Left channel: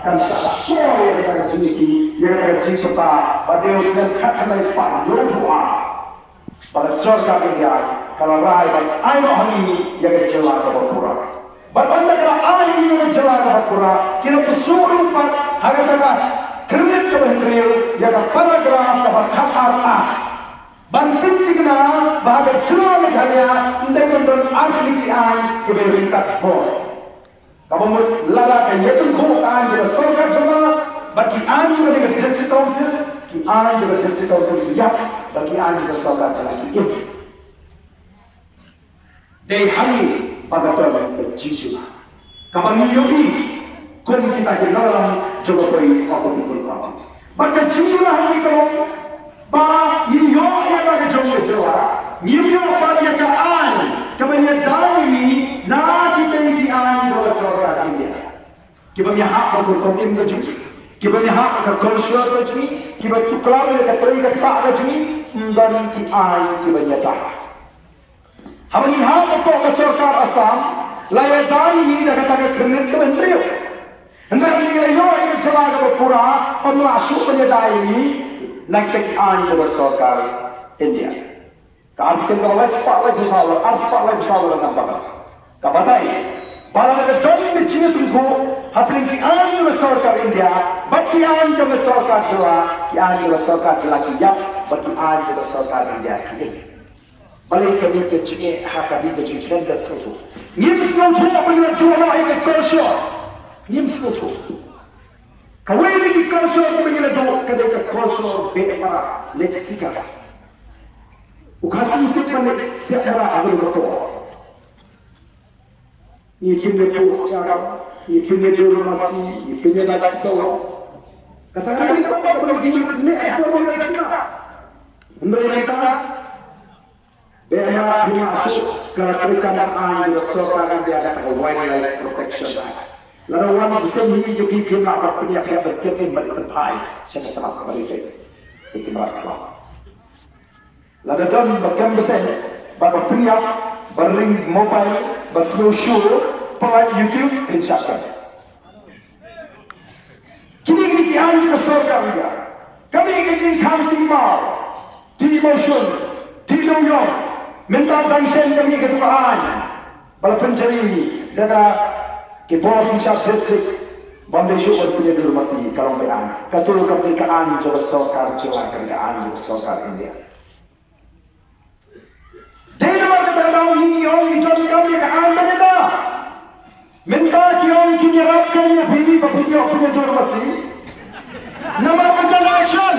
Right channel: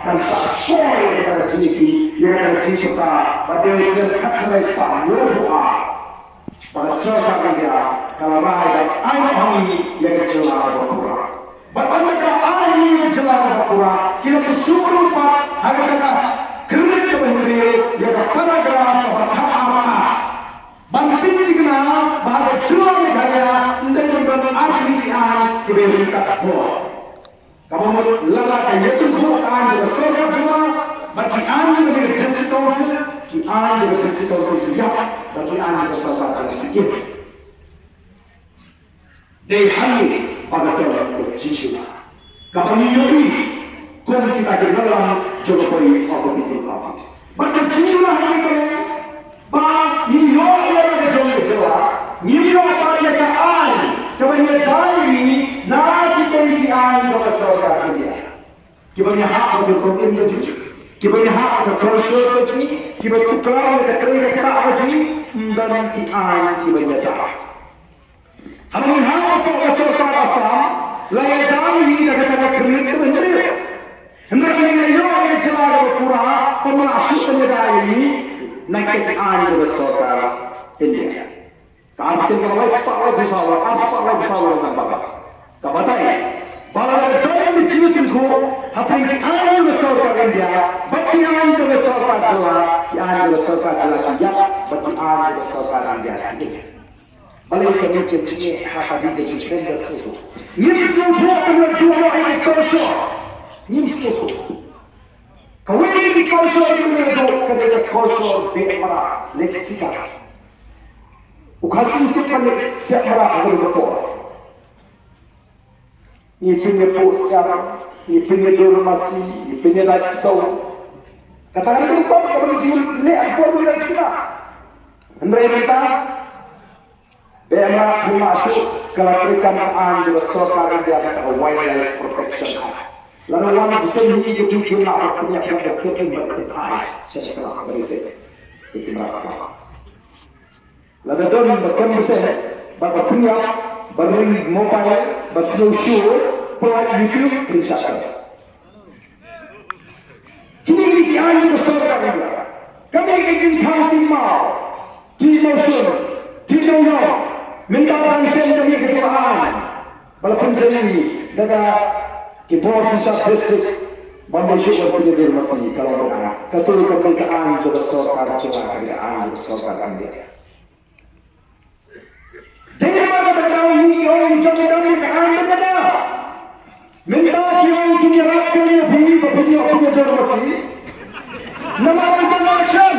kan sakoi yang kata ciki, yang kata cipta, pada usia kata sepan dua pada surga India, kalau rakyat anak kami yang kecewa berpura. Bagaimana kalau anak yang kecewa berpura, kita bersuruh pak, harga kata kernet kebenaran, yang paragraf atau kata ban pintigna bahaga jua meghalaya ndai artikian kebenaran kata kamu lala kaya tu kau anjur surga jua bagi anjur dengan district council ki anjur district council ya bagi anjur surga jua ini deh kami pada tahun berjiwa kamu yuri kom kita ke dalam Jogo Boys of the People Party bagi jiwa kami kalau ba ni yo ya ke jong jua ni yo party ka ai kamu dai ni na kita di ai Jogo surga India kita punya hak untuk konten lagi kita punya hak untuk konser lagi kita tukar dengan kerja kita lagi dan di ai kita punya dah kami hak untuk surga Assam layak dai ni dengan kita kerja itu benar hendak ni yo ke jalan pura kamu asyik punya dai ni nak kita ai Jogo surga India kalau kita sepak lagi soal nampak kapatai Bahawa dalam mencari tunggu, apa yang dianjur surga India, bagi anjur surga Jawa, dianjur surga Jawa India, bagi anjur surga India. Balik kami ke sini, hakabi ke sini dan sesuatu. Nimslo tu punya dua ini kosho, nimslo tu. Kau ini di kosho punya dua, kedai ke kosho beepara, leksika. Ukasi itu paling siap marah agak betul. Ini punya postcard, ini punya dormasi, ini punya lifestyle. Katakan kita kalau jual ni, aku boleh kita. Anda kita, banyak dimasuk kalau kita anjur surga India kata wildlife protection. Lalu orang bisa ni jadi kita nak punya kita berketai setelah berita itu mereka. Lalu dalam bagian besar, bapa punya berring mobile, berslow show, pelat YouTube, Instagram. Kini kita anjur surga India. Kami ingin county mau, di motion, di New York, minta tangsen kami ketuaan, walaupun jadi daga di Bosnia District, Bombay Sugar punya dulu masih kalau berang. Ketua kami ke anjur surga Jawa, kami ke anjur surga India. Jadi mana kalau yang jadi kami ke anda kita minta kiong kinirapkan ya bini bapinyo punya dor masih nama bicara election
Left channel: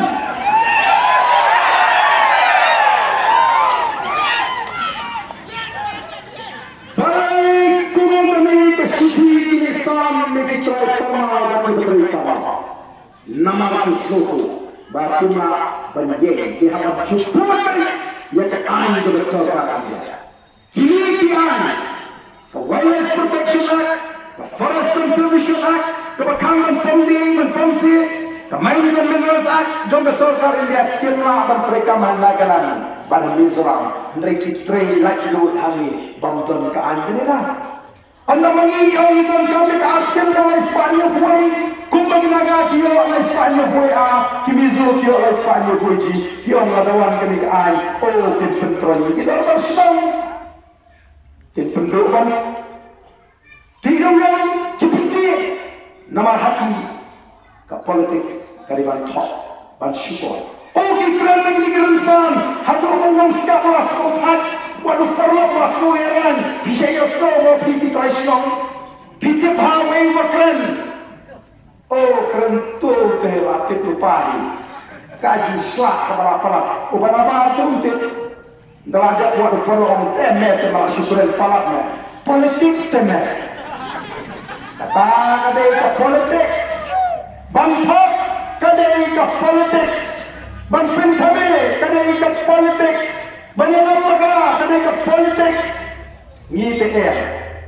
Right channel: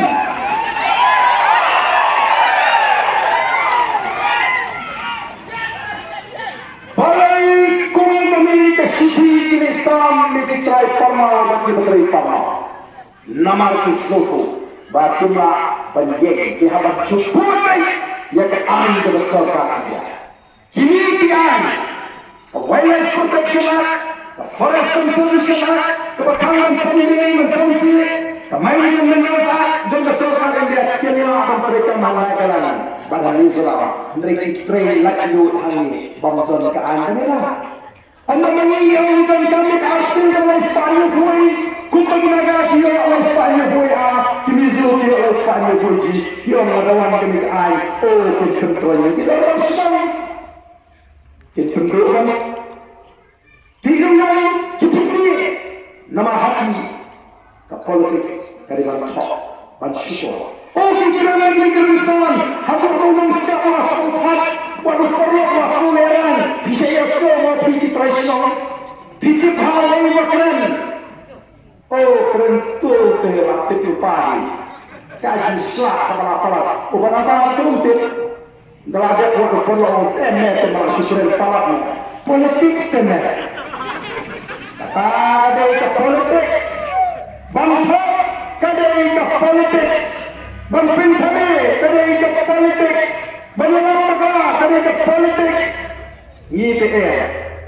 parai kami kesudi ini sam mitrai pama dan mitrai pama nama kisloku batuna banjeng dihabat cukup yang anjur surga India. Kini kian, Wildlife Protection Act, Forest Conservation Act, Kebakaran Pending Mentensi, Mines and Minerals Act, dan surga India kini akan mereka mengadakan pada Nizola. Mereka train lagi kami bantuan ke anda. Anda menginginkan kami ke artikel oleh Spanyol Boy, kumpul naga kio oleh Spanyol Boy Kimizo kio oleh Spanyol Boy kio melawan kami ke anda. Oh, kita kontrol kita bersama. Kita kontrol. Tidak yang seperti nama hati ke politik dari bantok, bansyukur. Oh, kita negeri insan, hati orang sekarang masuk hati. Waduh perlu masuk heran, bisa ya semua pergi tradisional, pergi paling keren. Oh keren tu kehebat kepipai, kaji slag kepada bukan apa turun tip. Dalam dia waduh perlu orang temer malah syukuran palatnya, politik temer. Kadai ke politik, bantok kadai ke politik, banpintame kadai ke politik. Banyalah perkara ketika politik ni tegak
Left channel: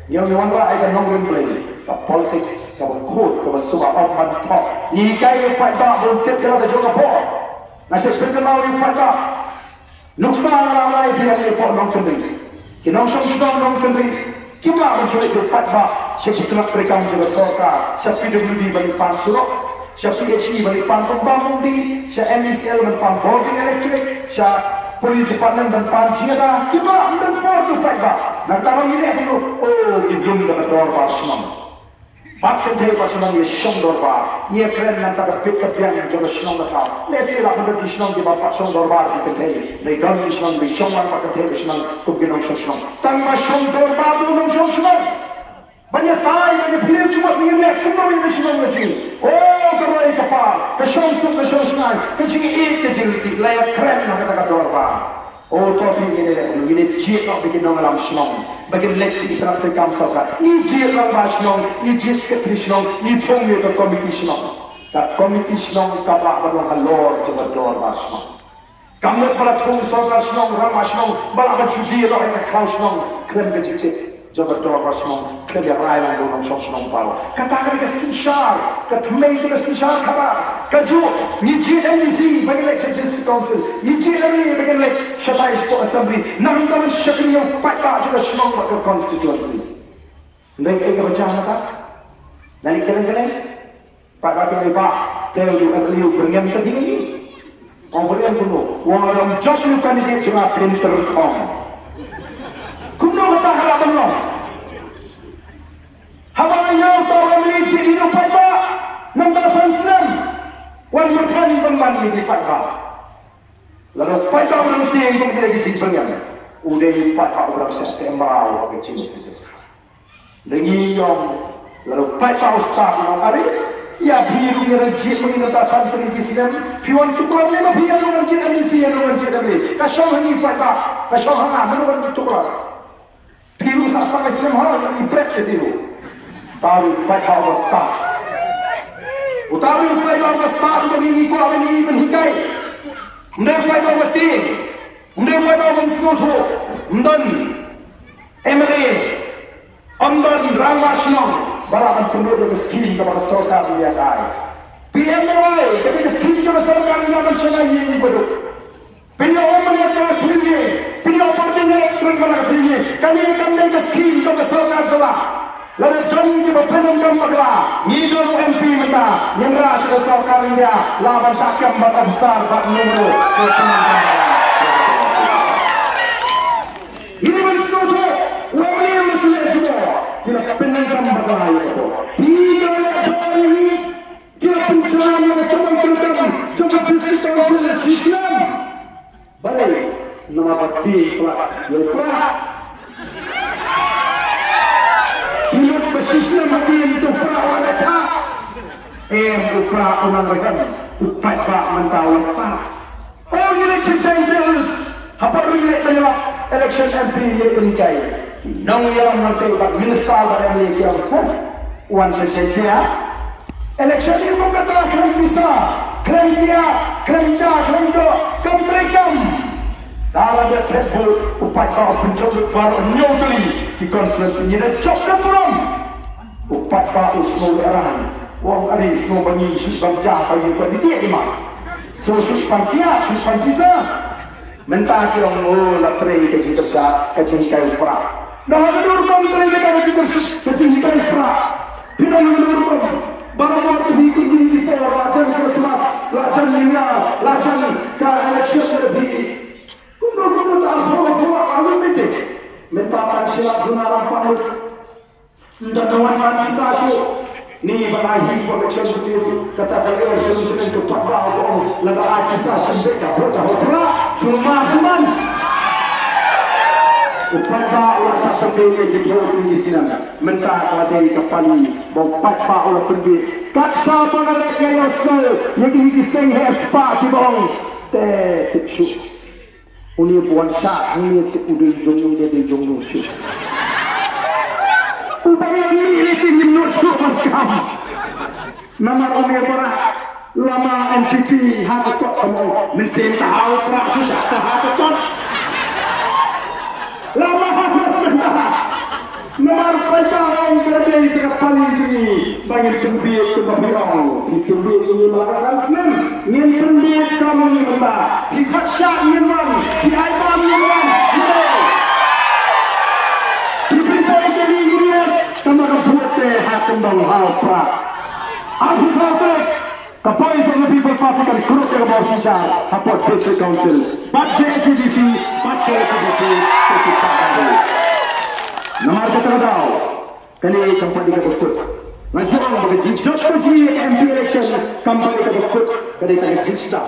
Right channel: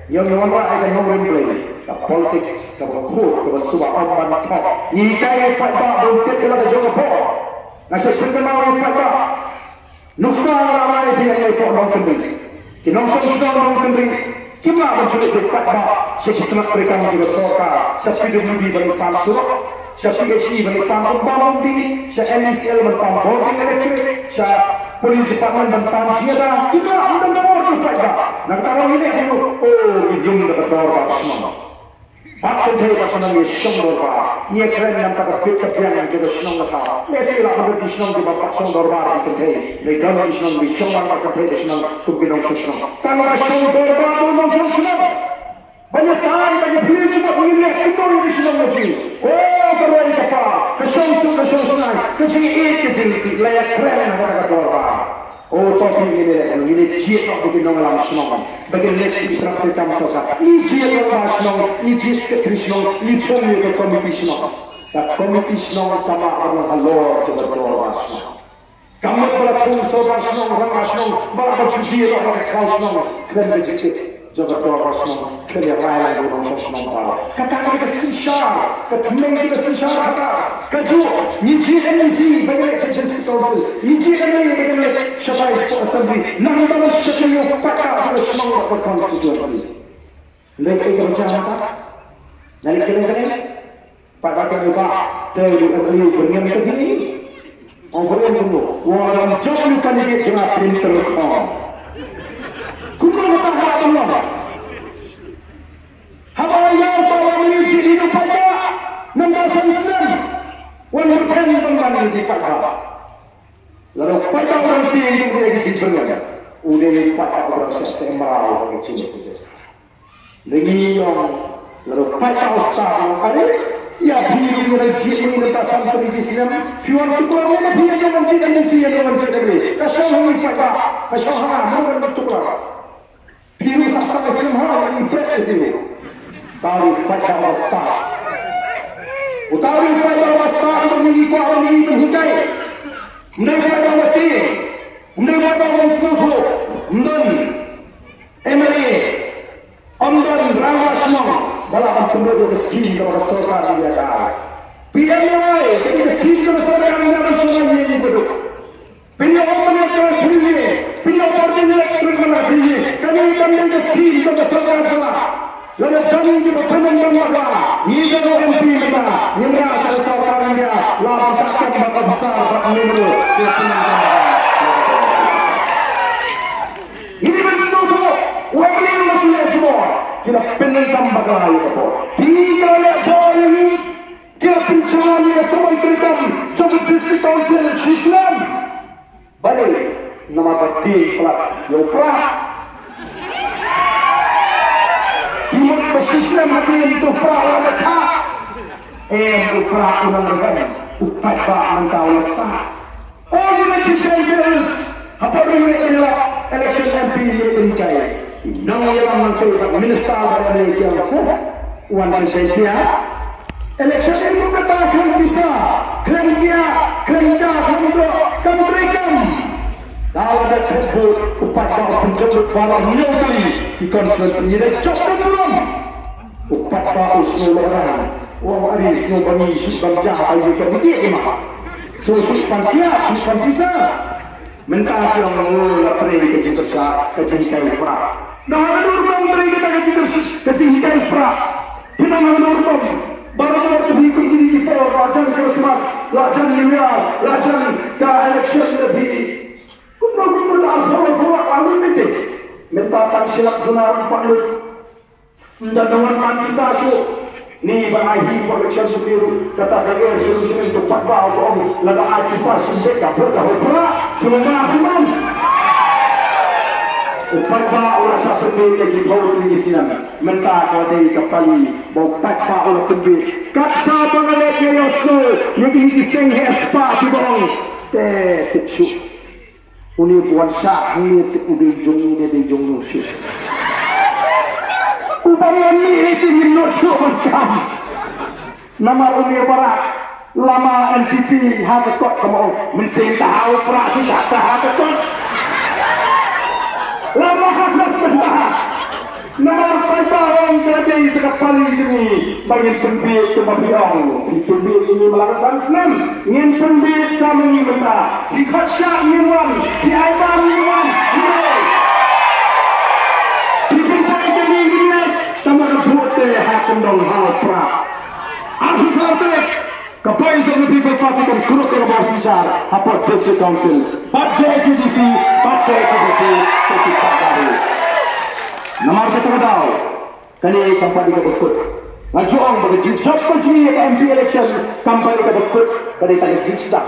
yang orang akan mengambil ke politik ke kod ke sebuah orang top ni kaya pada untuk kita berjumpa nasi terkenal yang pada nuksa ramai dia yang orang kendri kita orang kendri kita mencuri pada siapa telah mereka juga sorka, siapa PWD balik pansur, siapa PHE balik pampung bambi, siapa MSL balik pampung boarding elektrik, siapa Police Department dan Panjiada, kita dan portu mereka. Nak tahu ini dia oh di belum dapat dorba semua. Pakai dari pasangan ini semua dorba. Ia keren yang tak dapat kepiang juga semua mereka. Lesi lah mereka semua di bawah pasangan dorba di kedai. Mereka ni semua di semua mereka kedai semua kubinong semua. Tanpa semua dorba kubinong semua. Banyak tay, banyak film cuma begini. Kubinong di semua lagi. Oh terlalu kapal. Kesemua, kecil layak keren nak dorba. Oh, tapi ini jiat nak bikin orang semua. Bagian leksi terap terkam sahaja. Ini jiat orang semua, ini jiat sekretariat, ini pemilik komiti semua. Tak komiti semua kama orang halor coba orang semua. Kamu berlaku sahaja semua orang semua. Berlaku judi orang kau semua. Keren begitu. Coba orang semua. Keren yang lain orang semua. Kata kita sincere, kata juga sincere kata. Kaju, ni JMC bagaimana Judges Council, ni JMA bagaimana Shatai Assembly, nama nama Syakriyo Pata juga semua berkonstitusi. Naik ke macam apa? Naik keren-keren? Pak Kakak Lupa, tahu juga beliau beriam ke sini? Oh beriam dulu. Orang jauh kandidat juga printer kom. Kuno betul harap tolong. Haba yang orang ini jadi lupa tak? 1999. Wan bertani pembantu di Padang. Lalu Padang orang tinggi dia kecil banyak. Udah Padang orang September orang kecil kecil. Lagi yang lalu Padang star yang ada. Ya biru yang jiwa yang tak sampai di Islam. Pion tukar mana biar orang cita di sini orang cita ni. Kasih ni Padang, kasih orang mana tukar. Biru sastra Islam orang ini berat biru. Tahu Padang star. Utari upay bawa start begini kau ini menhikai, mending upay bawa tim, mending upay bawa semua, dan MLA, dan Rangwasnong, barakan penduduk miskin yang bersorak dia kan. PMY, jadi miskin yang bersorak dia bersorak dia ini betul. Pinjau orang yang terkini, pinjau parti yang terkini, kami miskin yang bersorak jelah. Lalu jangan kita penuh mereka, ni jalur MP mereka, ni rasa seorang India, lawan sakit bakal besar bakal minggu. Ini maksud tu, orang yang masih jual, kita penuh mereka itu. Tiga lekor ini, kita pencari seorang kita, coba justru tahun Islam. Balik, nama parti pelak, lupa. Imut bersislam hati itu perawan tak. Upra unang regan, upat ba mentau sta. All election changes, apa boleh penyelak election MP berikai. Nang yang menteri minister dari Malaysia, wan sejahtera. Election itu katakan bisa, klaim dia, klaim jah, klaim do, kamtrekam. Kalau ada terbuk upat bawa penjajah baru nyogli di konstitusi ini cok tempuram upat bawa usul orang orang ada semua bani sumbang jahat itu di dia imam susu pantia mentah yang mula teri kecil kai perak dah kedurung teri kita kecil kai perak pinang kedurung baru terbikin ini por lajan Christmas lajan New Year lajan ke election lebih Kumpulan tak alun mesti, mempakan silap gunaran panut, dan dengan pantisasi ni berahi production sendiri katakan dia solusi untuk pakar orang lebih pantisasi mereka bertahu-tahu semua human. Upaya orang siapa pilih di bawah tinggi silam, mentah kalau dari kepali bau pakar orang pendiri. Kata mengalir yang slow, yang ini senghe spa di bawah tetap. Uni buan syak ni udah jong ni de jong nusu. Ubang ni tinggi nusu macam. Nama uni barak lama NPP hati kot kamu mensen tahu prasu syak hati kot. Lama hati benda. Nama mereka orang keledai sekali sini bagi pembit kemafian. Pembit ini melaksan senang. Ingin pembit sama ini benda. Di kaca ini wan, di aiban ini wan. Di pintu ini sama kebuat Kendong Hal Pra. Aku Sartek, the Voice of the People Party kan kuruk ke bawah sijar Hapot District Council. Bat JHDC, Kopi Pakari. Namar kata kau, kali kampanye ke berkut. Ngajuang bagi job kunci ke MP election, kampanye ke berkut, kali tak jista.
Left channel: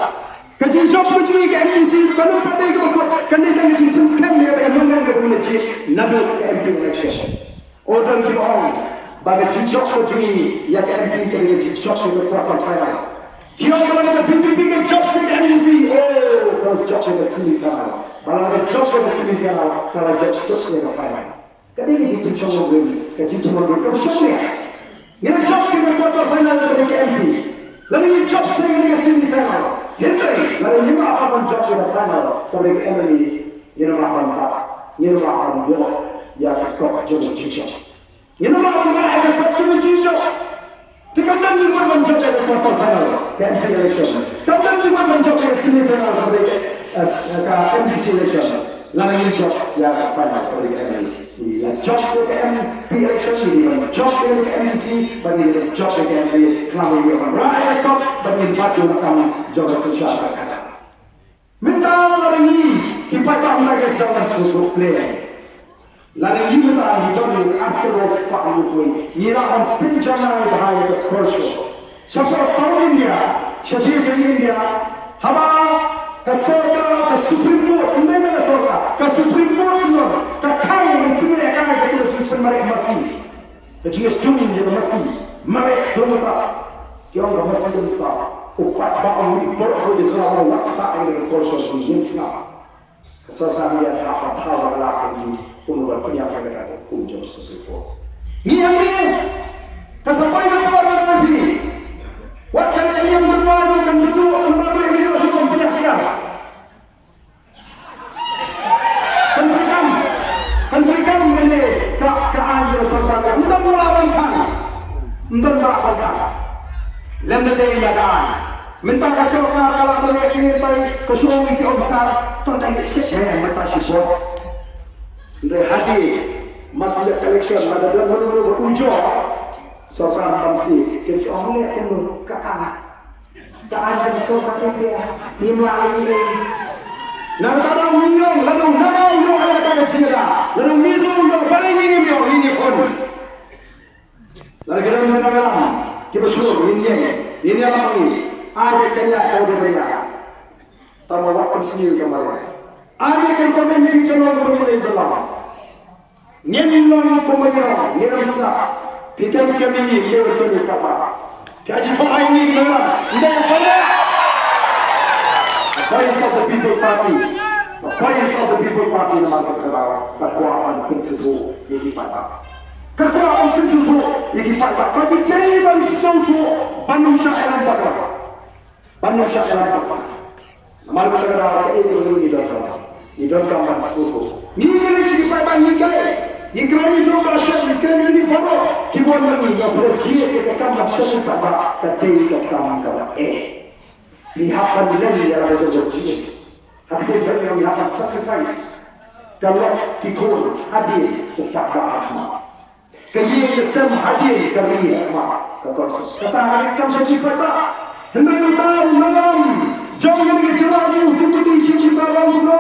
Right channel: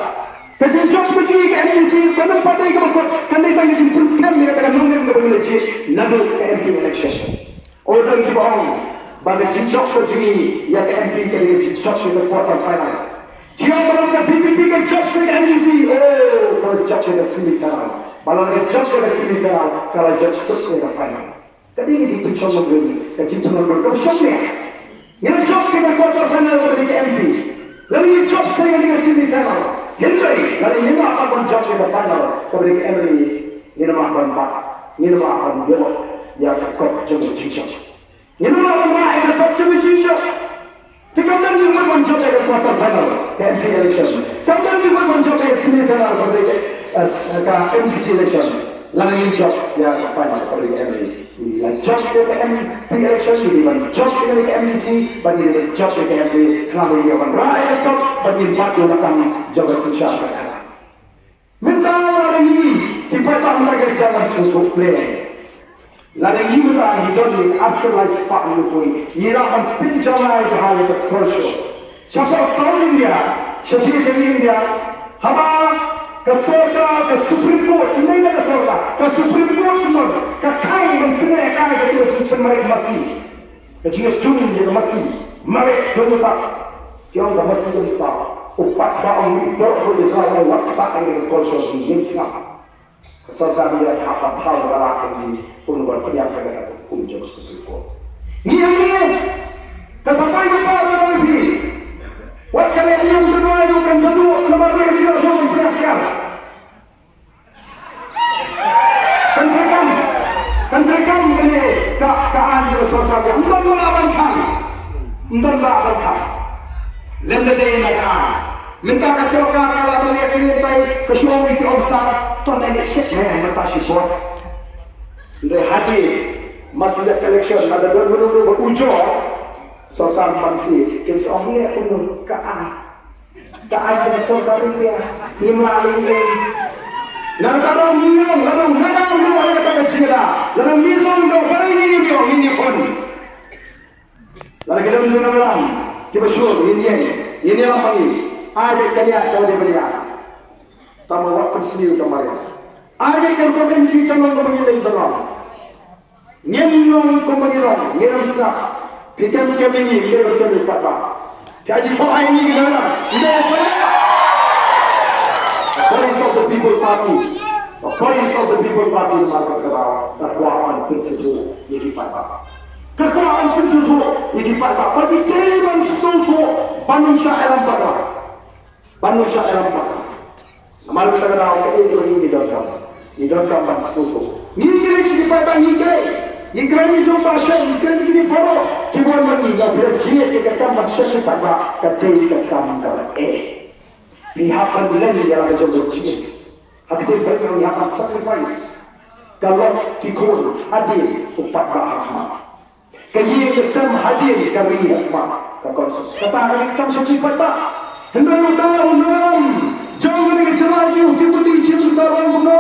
Kecil job kunci ke MPC, kalau partai ke berkut, kali tak jista scam dia kata nunggu ke berkut, nadu ke MP election. Orang di bawah, bagi job kunci yang MP ke job ke quarter final. Dia malam ke PPP ke job ke MPC, kalau job ke semifinal, malam ke job ke semifinal, kalau job ke final. Kali ini kita cuba beri, kita cuba beri kau ini job di quarter final dari MP. Lalu ini job saya di semifinal. Henry, lalu ini apa job di final dari Emily? Ini apa empat? Ini apa dua? Ya kau coba cincang. Ini apa mereka kau coba cincang? Tikam juga job di quarter final MP election. Tikam juga job di semifinal dari MPC election. Lalu ini job yang final dari Emily. Job dengan MP election ini, job dengan MPC, bagi job dengan MP, kalau dia akan rakyat top, bagi batu datang jabat sosial negara. Minta hari ini kita tak mereka sedang masuk play. Lalu ini kita hidup afterlife spa ini pun, ia akan pinjaman bahaya ke Persia. Siapa South India, siapa India, haba keserta ke Supreme Court, ini ada keserta ke Supreme Court semua. Kakang mempunyai kaya ketua jumpa mereka masih kecil dunia dia masih mereka dulu tak yang dah masih besar upat bang ini berapa jalan waktu tak ada kursus di Jemsna keserta dia apa tahu bagaimana ini pun berpunya pada kunjung seperti ni yang dia kesampai ke orang lebih waktu yang terlalu kan semua nomor video show mempunyai siapa Kentrikan ini keadaan masyarakat yang entah melawankan, lembede nagaan, minta kasih orang kalau melihat ke show itu besar, tuan ini siap minta support. Dari hati masih ada selection, ada dua ujung, soal masih kita orang lihat dulu keadaan masyarakat ini ini. Nangkau minyak, lalu nangkau yang kata cina, lalu miso yang paling ini pun. Lalu kita mengenal, kita suruh ini apa ini? Ada kanya ada beria, tambah waktu sendiri kemarin. Ada kan kami menjadi orang mengenai betul. Nyenlang pemenang, nyenlang sah. Pikir ini dia betul apa? Kaji faham ini kita, ini apa? Voice of the People Party, the Voice of the People Party nama terkenal, kekuatan prinsip yang dipakai. Kekuatan prinsip yang dipakai. Bagi teman seluruh manusia alam bakar, manusia alam bakar. Nama terkenal ini di dalam kamar seluruh. Ini dipakai ni kerana jumpa syekh, ni kerana ini baru kibuan lagi yang berjaya ke kamar syekh tak kadai ke kamar pihak lain yang ada janji. Hati kita pihak sacrifice. Kalau dikul hadir upat agama. Kaya kesem hadir kami kata mereka syekh pada hendak tahu malam jauh dari celaju diberi cinta dalam buku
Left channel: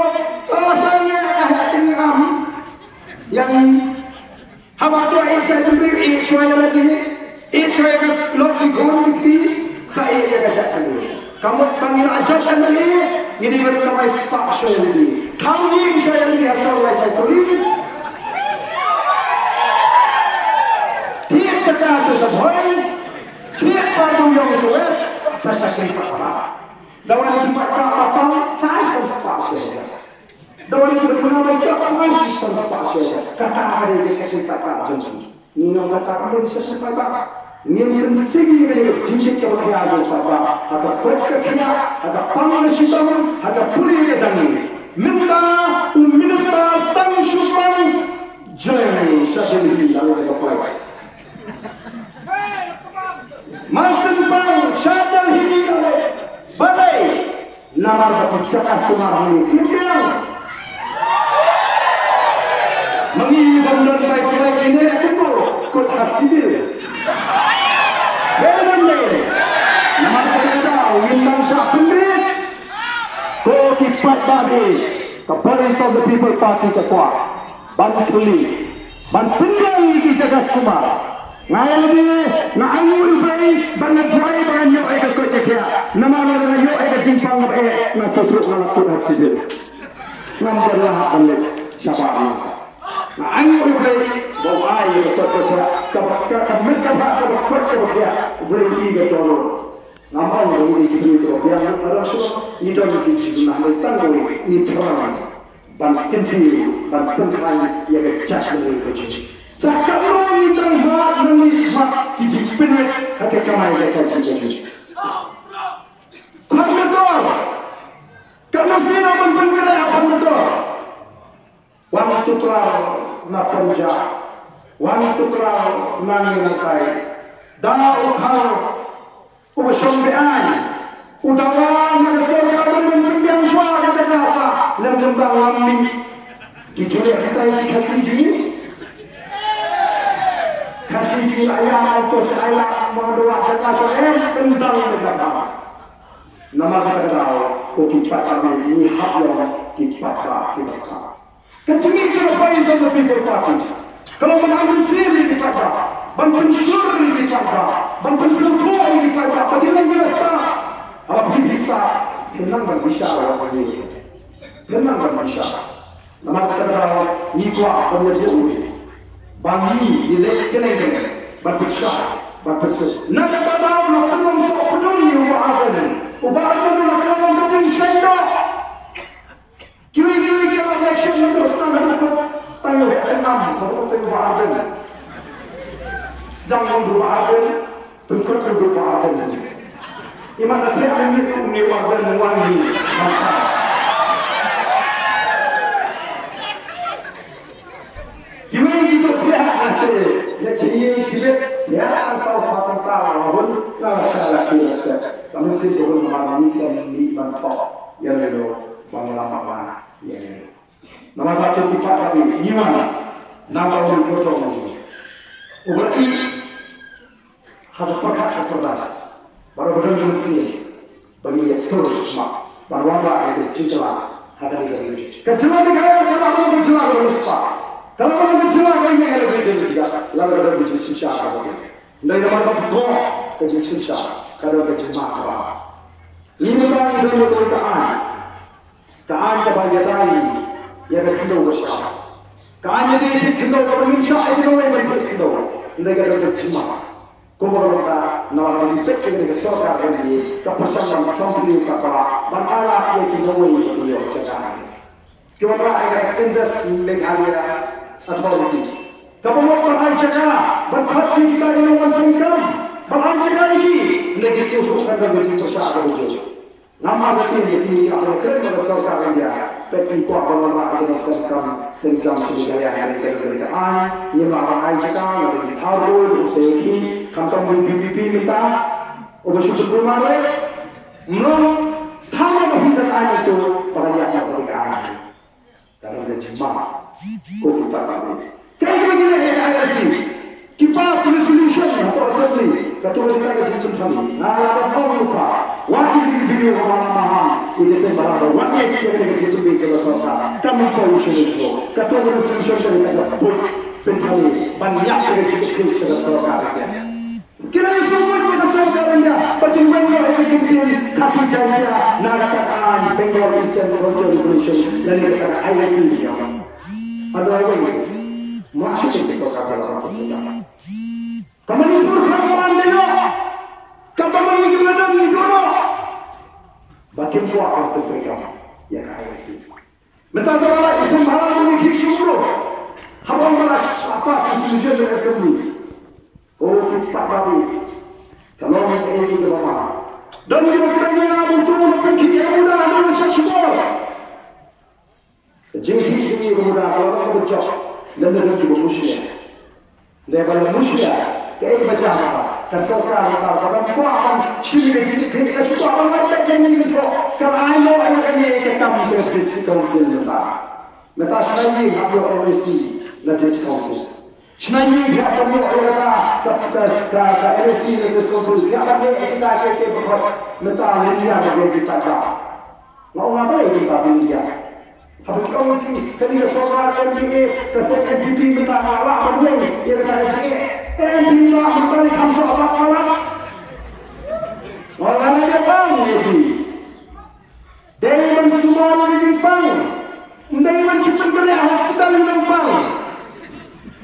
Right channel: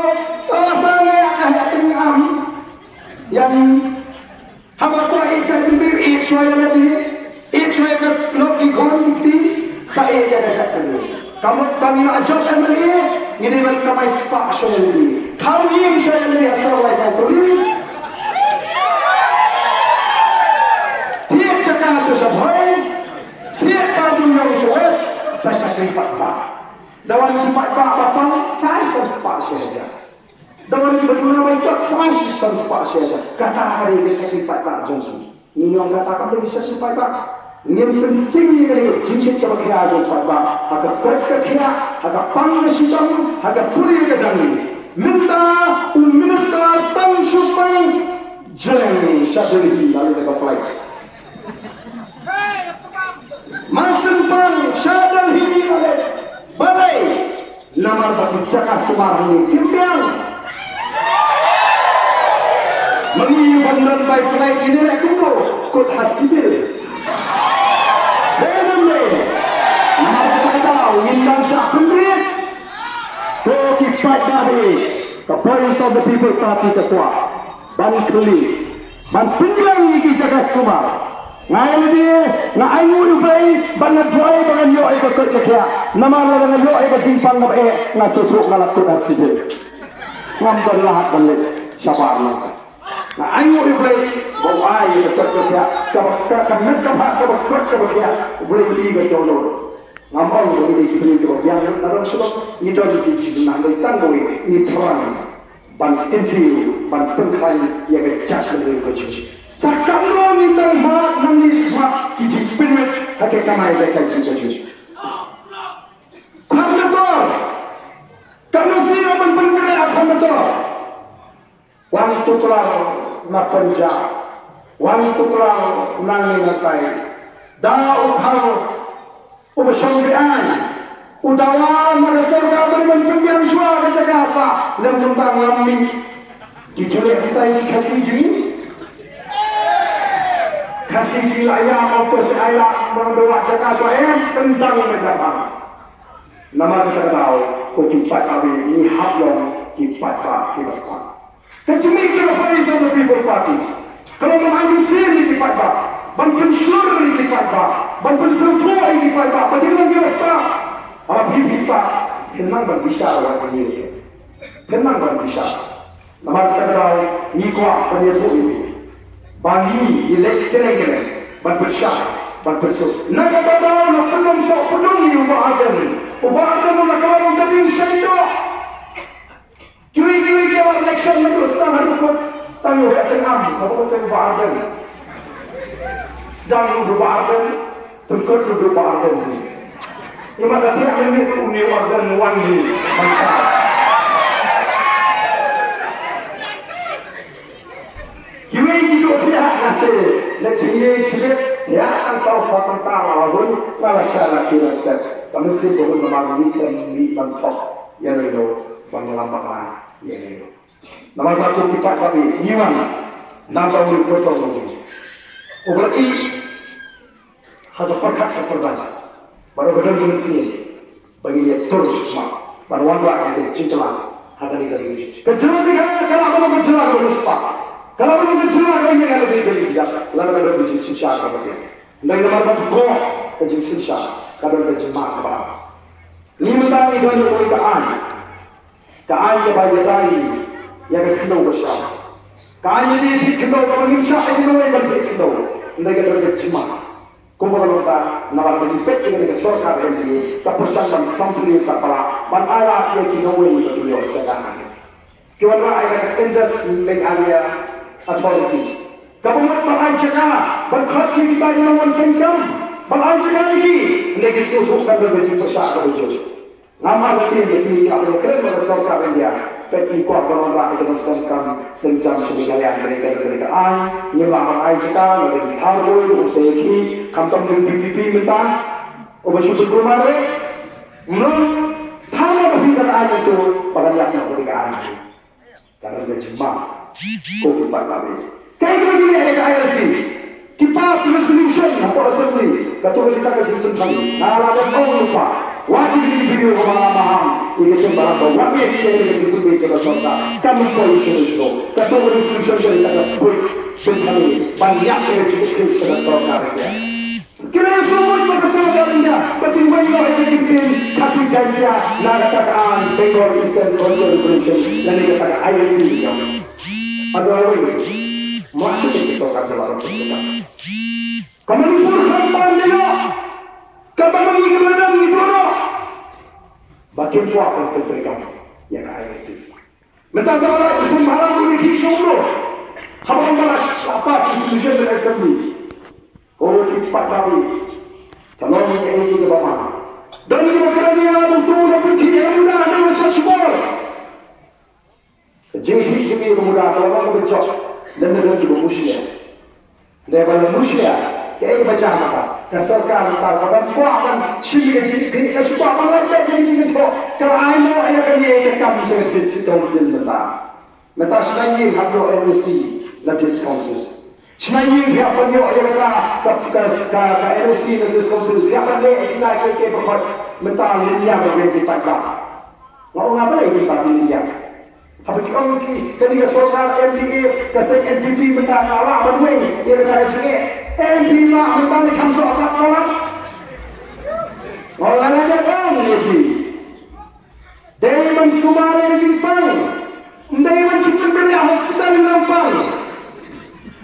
sangat hati am yang habaq eja diberi eja lagi eja yang lot dikul di saya jaga jaga kamu panggil ajakkan lagi, ini mereka mai spasial lagi. Tahu yang saya lebih asal mai sauturi. Tiap cakap sesuatu, tiap padu yang suas, saya sakit apa? Dawan kipat apa? Saya spasial. Dawan kipat nama itu saya spasial. Kata hari bisa kita tak janji. Ini yang kata hari bisa kita tak. Ini mesti ini cincin kebahagiaan papa. Agak berkekiat, agak panas hitam, agak pulih ke dalam. Minta minister Tan Supang Jeng Syadili lalu berfai. Masin Pang Syadili balai. Nama bercakap semarang ini. Kimbiang. Mengingat bandar baik ini aku kod hasil. Nama kata Windang Shah Pendrit ko kipat babi ke Voice of the People Party ketua Ban Keli Ban Pendrai di Jaga Sumar ngai dia na ayu ibai ban droi ban yo e ko ke nama la yo e ke jimpang ngap e na susuk na latu na sije nam berlah ban siapa ni na ayu ibai bawai ke ka met ka ka boleh liga jono nampak boleh dibeli tu yang orang semua ni tu di jurnal tanggung ni tuan ban tinti ban pengkai yang kecil ni kecil sekarang ni tanggung manis mak kiji penuh hati kamai mereka kecil kerana tu kerana sila ban pengkai kerana tu wang tu telah nak penja wang tu telah nangi nantai dah ukau ubashambian udawa magasorga berban pembiang shwa ke Jakarta lem tentang lambi dijulek kita kasih ji ayah auto saya mendoa Jakarta tentang negara nama kita tahu kutipat kami ini hak yang dipakai kita kecil itu Voice of the People Party kalau mengambil sini dipakai ban pensyur di Panda, ban penselur di Panda, bagaimana kita start? Apa kita kenal berbicara apa ni? Kenal berbicara. Nama kita ni kuat penyerbu, bagi elek-elek, ban bersyar, ban pensyur. Nak kita tahu nak penuh sok penuh ni ubah ada nak kalau kita syaidah. Kiri dia election itu setengah ikut tangguh yang tenang, kalau kita ubah ada. Sedang berubah agen, tengkut berubah agen. Iman kata ambil uni warga wangi, mantap. Kini hidup dia nanti, leksini sudah dia akan salah satu tahu pun kalau saya lagi rasa. Kami sih baru memahami dan mentok, ya lelo, banyak mana, ya lelo. Nama satu kipat kami, Iman, nama berikutnya lagi. Uberi hadu perkat terbaik. Baru berdoa bersih bagi dia terus mak. Baru wala ada cinta hadu ini lagi. Kejelah dia kalau mau kejelah terus pak. Kalau mau kejelah dia yang ada kerja dia. Lalu ada kerja susah apa dia. Dari mana pun tu kerja susah. Kalau kerja mak. Lima tahun itu dia berkaan. Kaan kepada lagi yang kedua bersama. Kaan jadi kedua manusia itu yang kedua. Mereka ada cuma, kumpulan kita nama berlipat dengan sorga ini, keputusan santri kepala, bandara yang kita wujud di jalan. Kita ada interest mengalir authority. Keputusan berancakan, berkhati kita yang mensengkam, berancakan lagi, negasi untuk kita berjumpa syarab wujud. Nama kita ini kalau keren sorga ini. Peti kuat orang itu mensengkam senjam sekalian mereka berdekaan, nyemang air cekal, lebih tahu, usahaiki, kantong BPP minta, obat-obat rumah menurut tahu permintaan itu pada yang berdekaan, karena dia jemaah, kukupat kami. Kayak begini ayat ini, kipas resolution atau assembly, ketua kita kecil kami, nara dan kau lupa. Wajib di video mahal-mahal ini sembarang wajib kita begitu begitu bersuara kamu perlu solusi kata resolusi dari kata buat sembari banyak kita sudah suara kita semua kita suara bagaimana kita kasih janji nada katakan Bangor Eastern Royal Revolution dan ini kata ayat ini ada apa ini masuk ke suara dalam kita kamu pun kamu mengingat ladang itu bagaimana akan terjadi yang ayat itu mentang Allah itu malah memiliki syukur hamba malah apa resolusi dari assembly kipat kami kalau mereka itu ke bawah dan demokrasinya betul pergi yang mudah ada macam syukur jadi mudah kalau bercok dan mereka juga musyrik daripada musyrik kayak macam apa keserkan orang kuat syir jadi kita cuba orang lain jadi itu kerana ayah kan dia kekam sebagai district council meta selain hablo MSC na district council Senayi dia perlu ke LC ke Konsul dia akan kita ke pokok mentah dia bagi kita tak. Mau apa lagi kita dia? Tapi kalau kita soal MBA kasih MPP mentah awak berwing dia kata cakap MPP mentah ni kamu sok awak. Orang ada bang lagi. Dia mensumari Jepang. Dia mencukup kerja hospital Jepang.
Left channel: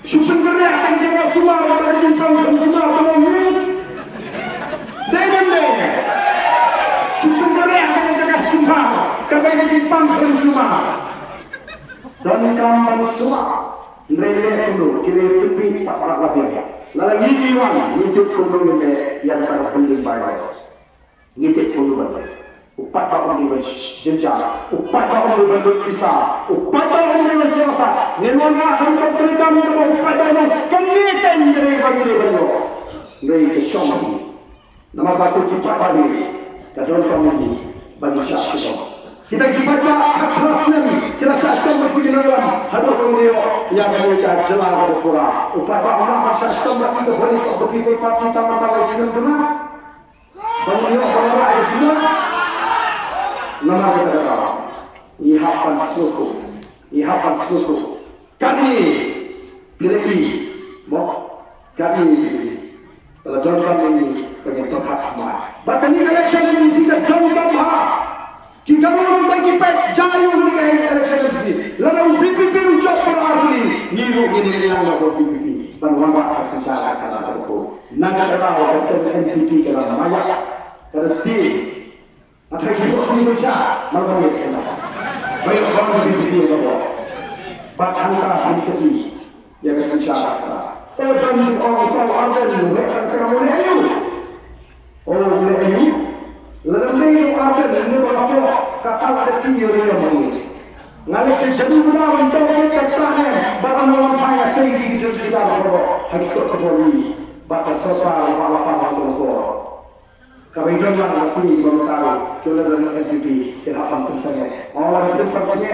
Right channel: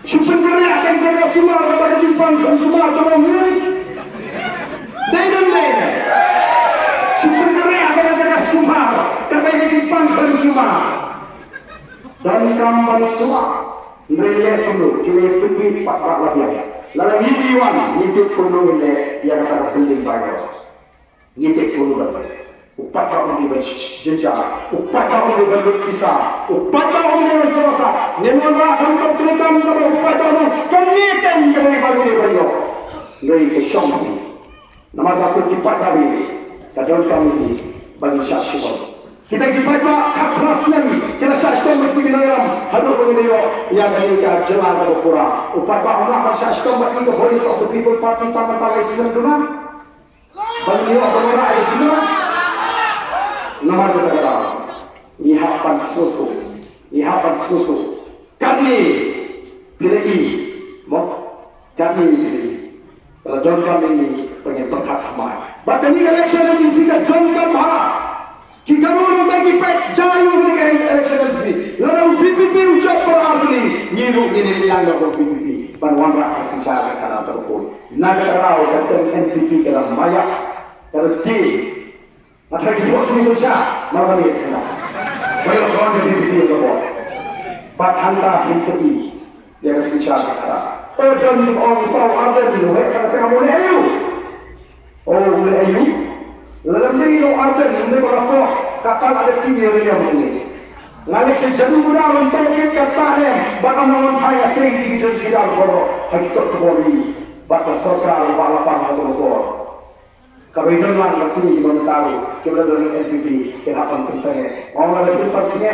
Supaya kerja akan jaga semua kepada Jepang dan semua kepada ini. Dia. Supaya kerja akan jaga semua kepada Jepang dan semua. Dan kampan semua. Mereka kuno kira pergi 4 lebih. Lalu ngiwan ngitik kuno ini yang kata building virus. Ngitik kuno berapa? 4 tahun di berjejak, 4 tahun di berpisah, 4 tahun di berselasa. Nenona akan terkekam dalam 4 tahun. Kami tenggelam bagi beliau. Noi kesyong. Nama satu cepat bagi. Kadang kami bagi syaksyi. Kita kita hak Muslim. Kita syaksyi berkuji dalam hadap beliau yang mereka jelas berkurang. 4 tahun lah syaksyi bagi ke polis atau people party tamat Islam benar. Beliau berada di sini. Nama kita adalah Ihapan Suku. Kami pilih kami John kami punya tempat amal. Bahkan ini election di sini John kami kita orang lagi pek jayung dengan election di sini. Lalu PPP ucap berarti ngilu ini yang PPP. Bantuan rakyat secara kalau terpukul. Naga terlalu kesan NPP dalam maya terti. Atau di bawah Indonesia, malah dia kena. Banyak orang yang dipilih oleh Pak Anta Hinseti, dia bersejarah kata. Dan orang tahu ada di luar kata mulai ayu. Oh mulai ayu. Lalu dia ada di berapa kata ada 3 yang begini. Lalu sejak muda untuk kita kata bahkan orang kaya sendiri tidak berapa hakikat kebori. Bahkan serta lapang atau lekor. Kami dengar waktu ini tahu kita dari NPP kita akan bersama. Orang lain bersama.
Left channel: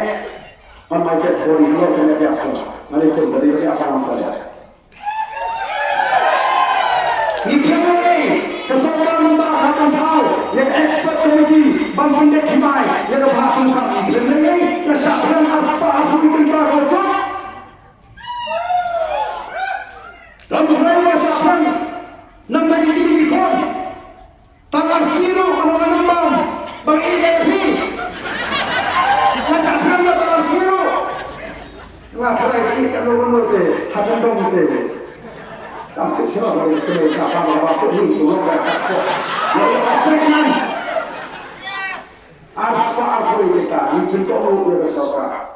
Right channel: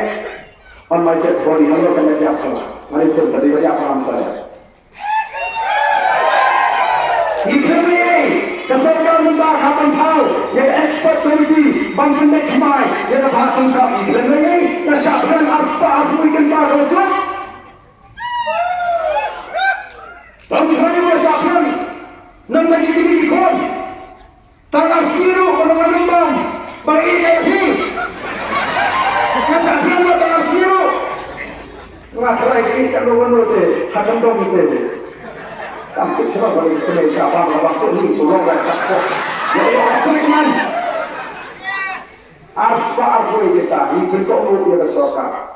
On my dead body, hanya kena diapun. Mari kita beri apa saya. Ini kesukaan kita akan tahu. Yang expert committee bangun dek kemai. Yang kebahagiaan kami. Ini kesatuan aspa aku kita rosak. Dan terakhir kesatuan. Nampak ini kon. Tangan siru menembam baik ini. Yang saya buat tangan siru. Nggak lagi kalau menurut hakim dong itu. Kamu coba bagi kerja apa waktu ini sudah berapa? Jadi pasti kan. Aspa aku kita ini bentuk lu kesokan.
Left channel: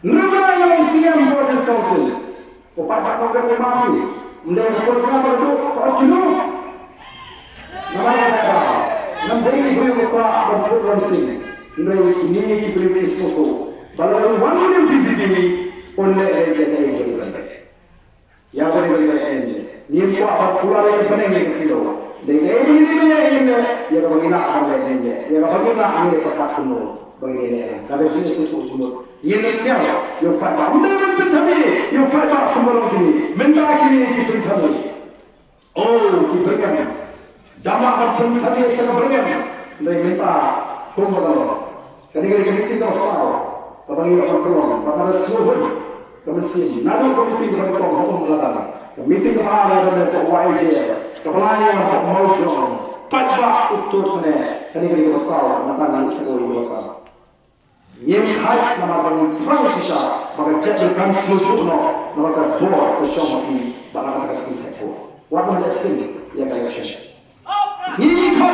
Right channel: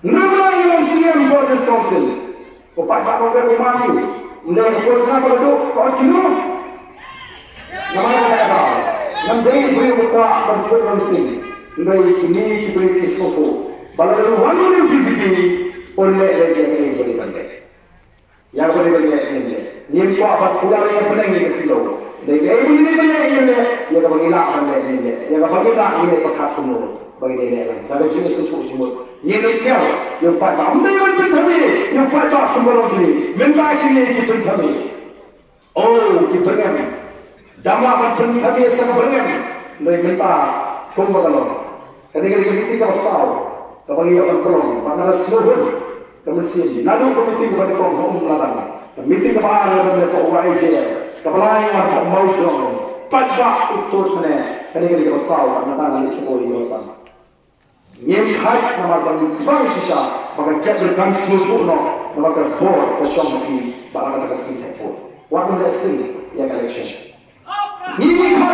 Nama yang siam Board Council. Upat tak boleh mati. Mendengar program itu kau kira. Nama kita, nama ini boleh buka berfungsi. Nama ini diberi sesuatu. Kalau orang ini diberi oleh dia ini boleh banyak. Yang boleh banyak ini. Ini apa pula yang penting itu. Jadi ini banyak ini. Yang bagaimana banyak ini. Yang bagaimana ini tetap penuh bagi dia. Kalau jenis itu cuma. Ini dia. Yang pada undang pentami. Yang pada kembali ini. Minta kini pentami. Oh, diberikan. Dama berpentami sebenarnya mereka minta pembangunan. Kerana kita tidak sah, kita bagi orang pelong, maka seluruh kemesin. Lalu komiti kepada kaum pelanggan, meeting kepada mereka YJ, kepala yang mau jom, pada utur mana, kerana kita sah, maka nanti seluruh bersama. Yang hak nama kami terang sisa, maka jadikan seluruh nama kerja kesyamati, bahkan kita kesini. Waktu dasar yang election. Nikah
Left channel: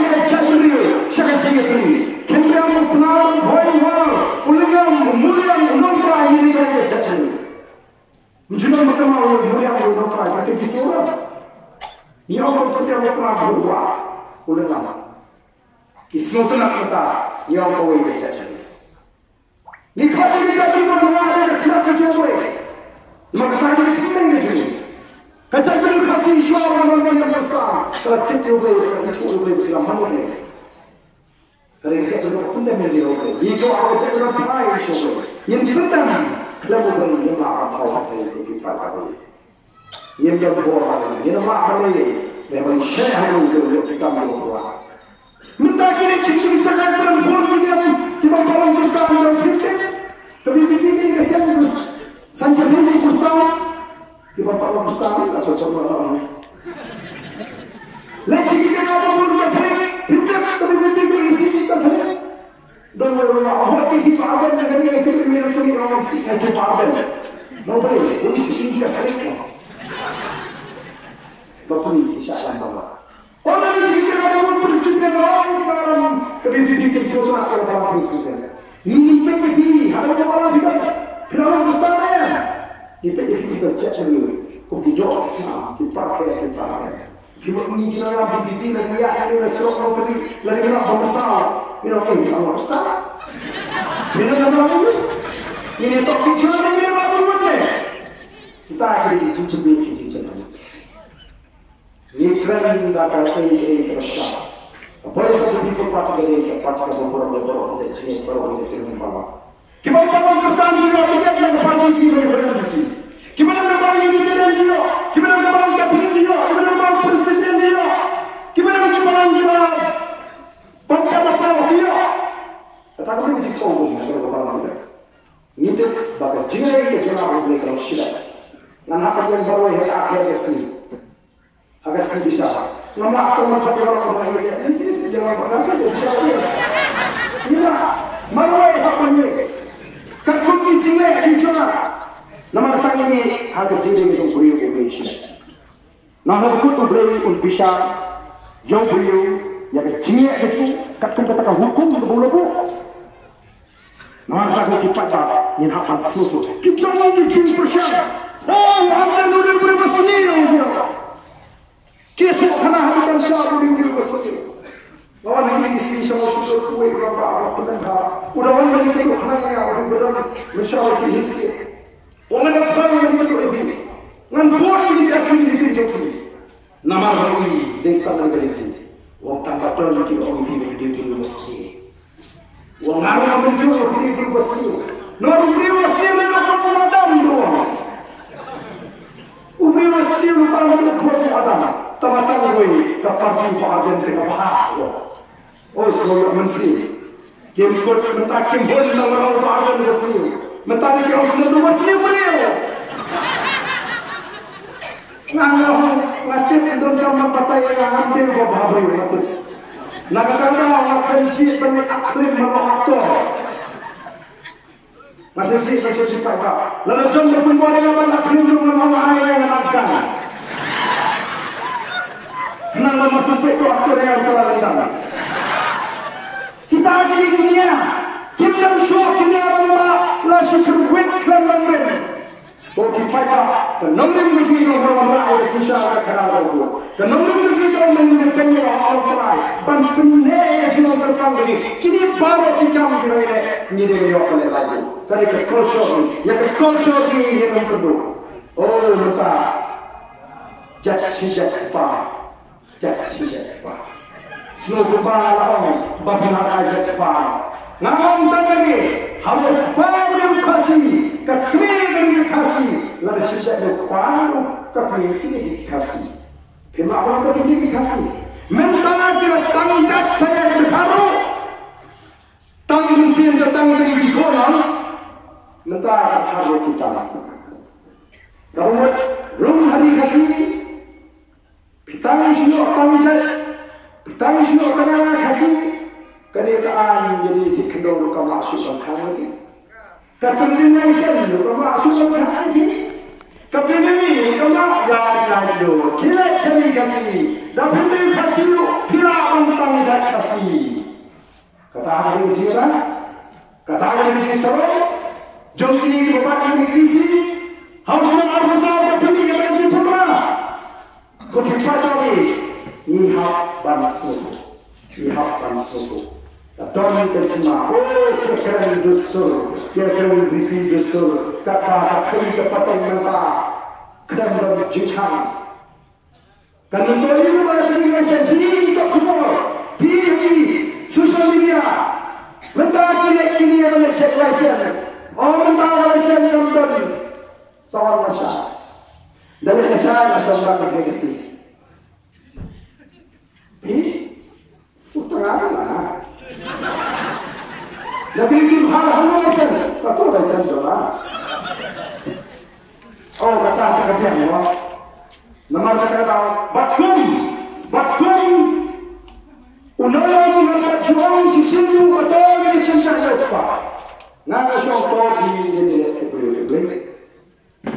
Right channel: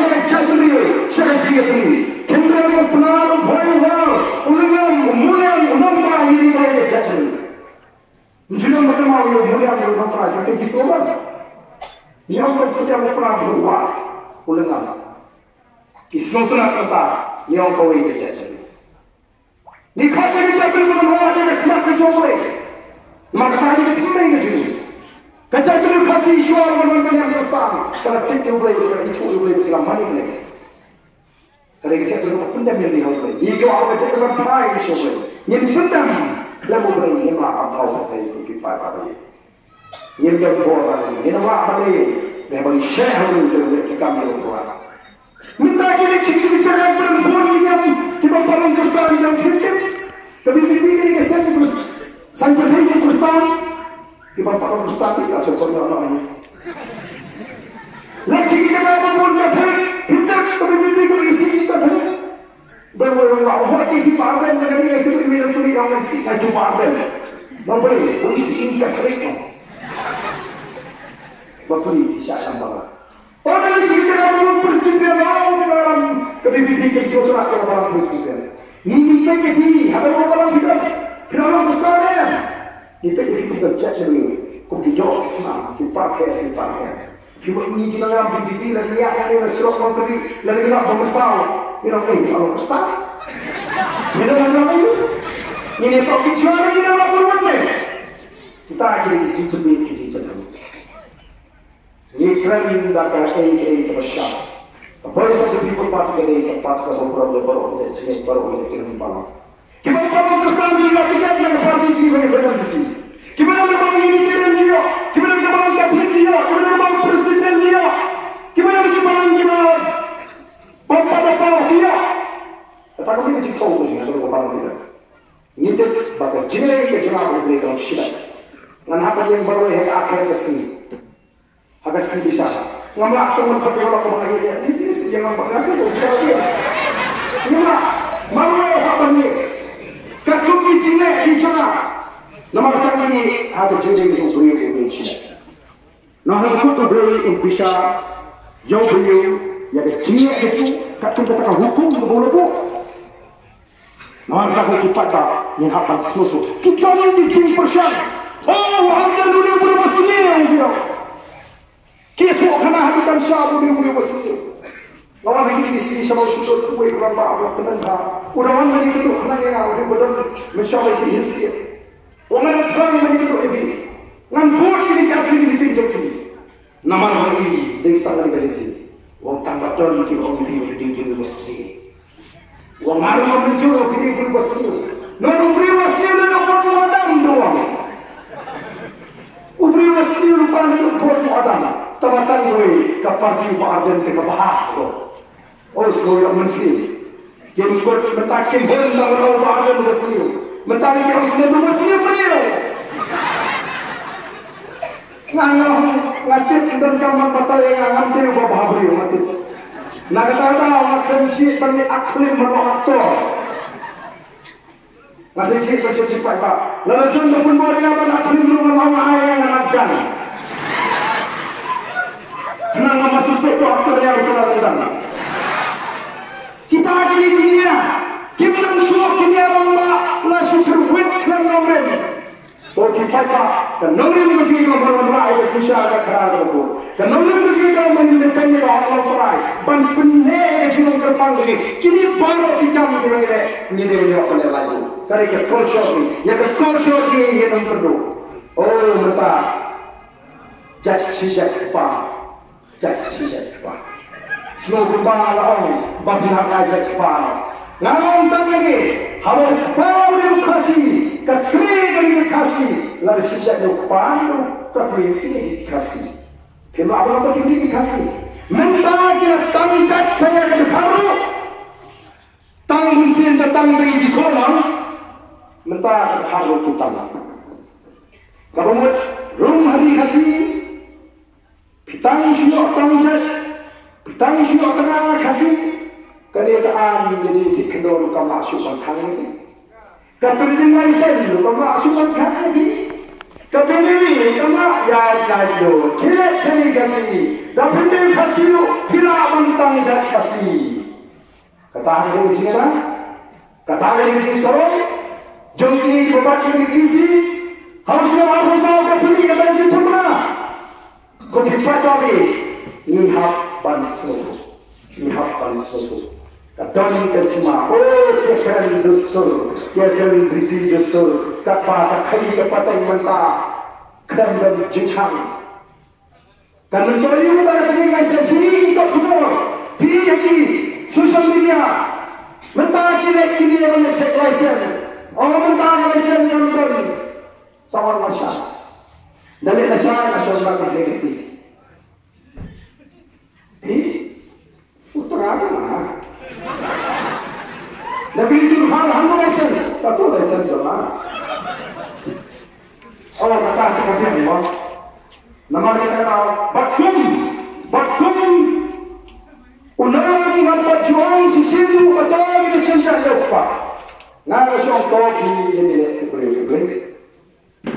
yang cakri, syarjiyatri. Kendra plan boywal, ulangam muliam nomtra ini kau yang cakri. Menjadi macam apa muliam nomtra jadi kisah. Yang kau kerja plan boywal, ulangam. Kisah tu nak kata, yang kau yang cakri. Nikah yang cakri boywal ada tidak kecuali. Maka tadi kita tidak jadi. Kacau beri kasih suara orang yang berstahan. Kalau kita ubah, kita ubah dalam mana ni? Kalau kita beri pendam yang dihasilkan, jika awak cakap apa yang suara, yang pendam Kenapa beri yang maaf Allah saya di pada yang dia berbuat yang maaf ini memang saya yang kita berbuat. Minta kita cakap bicara perempuan yang kita kalau Kristen yang fikir, tapi fikir kita sampai Kristen, kita kalau Kristen kita sesuatu orang. Lagi kita perempuan yang fikir, tapi fikir isi kita fikir. Bahawa orang yang dipakai dengan ini kita minum orang isi kita dipakai. Bahawa isi kita fikir. Bahawa ini siapa bahawa? Orang yang kita perempuan presbyterian dalam kebijakan sosial orang presbyterian. Ini jadi ada orang kita dalam Kristen. Kita kita cakap ni, kau hijau Islam, dipakai. Kita ni kita yang berbicara ni yang ada seorang menteri lalu kita bermasalah. Kita ni orang Kristen. Kita nak tahu ini topik siapa kita nak buat ni? Kita akan cincin. Ini keren datang ini bersama. Apa yang saya beri kepada beberapa jadi baru kita malam. Kita malam Kristen juga tiket yang parti jiwa benar di sini. Kita malam ini dia, kita malam Katolik dia, kita malam Presbyterian dia, kita malam apa dia. Tetapi ini jika orang yang berkata tidak, ini tu bagai jiwa yang jemaah mereka mesti. Dan apa yang baru yang akhirnya sini. Agak sedih sahaja. Ngamlah teman kami orang lain. Ini sih yang apa? Nanti aku cakap dia. Ngamlah marwah apa ni? Kertuki cile di mana? Nama kita ini ada cile yang beri Indonesia. Nama kita beri Indonesia yang beri yang cile itu kertuki katakan hukum itu boleh bu. Nama kita kipat dah yang hapan sesuatu. Kita ini jin persian. Oh, anda dulu boleh bersedia dia. Kita kena hatikan siapa yang boleh bersedia. Lawan lagi di sini sama sudah kue berapa orang penanda. Udah mana yang kedua kena yang benar mensyawal Kristi. Orang yang terang yang kedua ini. Ngan buat ini kaki ini ditunjuk ini. Nama lagi desa dan keliti. Orang tanpa terang lagi orang ini berdiri bersedia. Orang orang mencuri berdiri bersedia. Nama berdiri bersedia dan orang Adam doang. Berdiri bersedia lupa dan orang Adam. Tamatan gue keparti Aden ke bahak. Oh semoga mesti. Kim kot mentakim bon dalam Aden bersih. Mentakim yang sudah bersih beliau. Nganggung nasib dalam kamar patai yang hampir bawah beliau mati. Nak kata awak kenci bagi aklim meloktor. Masih cik masih cepat tak. Lalu jangan pun boleh apa aklim meloktor ayah yang akan. Nama masuk itu aktor yang terlalu. Kita lagi di dunia. Kita syok ini orang la syukur wit kan nomor. Bagi kita kan nomor mesti nomor orang yang sisa kerana itu. Kan nomor mesti orang menjadi orang terai. Ban pendek jiwa terpang ini. Kini baru ikam kira ini dia oleh lagi. Tadi ke culture ni, ya ke culture ni yang perlu. Oh mata. Jak apa? Cek apa? Slow kepala orang, bahkan ada kepala. Namun tak lagi, hawa kepala yang kasih, kekering yang kasih, lalu sejak kepala kekering ini kasih. Kenapa apa ini kasih? Mentah kira tangkat saya ke haru, tanggung sian datang dari di kolam, mentah haru kita lah. Kalau rumah hari kasih. Pitang syok tengah kasih kenyataan jadi dikendor kamu asuhan kami. Katanya mai sen kamu asuhan kami. Kapini kamu ya lalu kira cari kasih. Dapat dia kasih pila bantang jat kasih. Kata hari ini apa? Kata hari ini sorong. Jom ini bapak ini isi. Harus apa sahaja kapini kata cinta. Kau dipakai ini hak bansuatu, ini hak bansuatu. Dan semua, oh kekeren dostor, kekeren riti dostor, tak kai kepada mentah, keren dan jikang. Kan mentah ini pada tinggal sendiri tak kumur, pi social media, mentah ini yang sesuatu. Oh mentah Malaysia yang Kristen soal masya dari nasya nasional bergengsi utang apa lah lebih itu hal lesen betul lesen coba oh kata apa dia nama kita tahu batum unang ng pagjuang sisilu at ang isinsyang pa na siyang kopi ini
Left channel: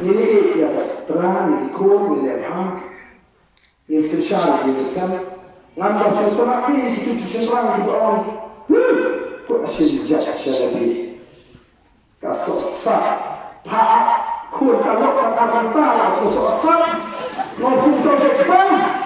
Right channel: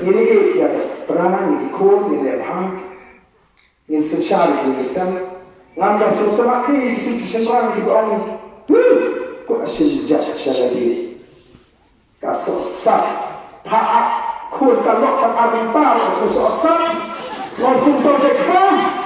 ini perang ikon ini hak ini sosial ini sem nganda sentama ini itu kesenangan di bawah kok asyik jadi kasosa tak kun kalok tak ada tahu sosa ngomong tentang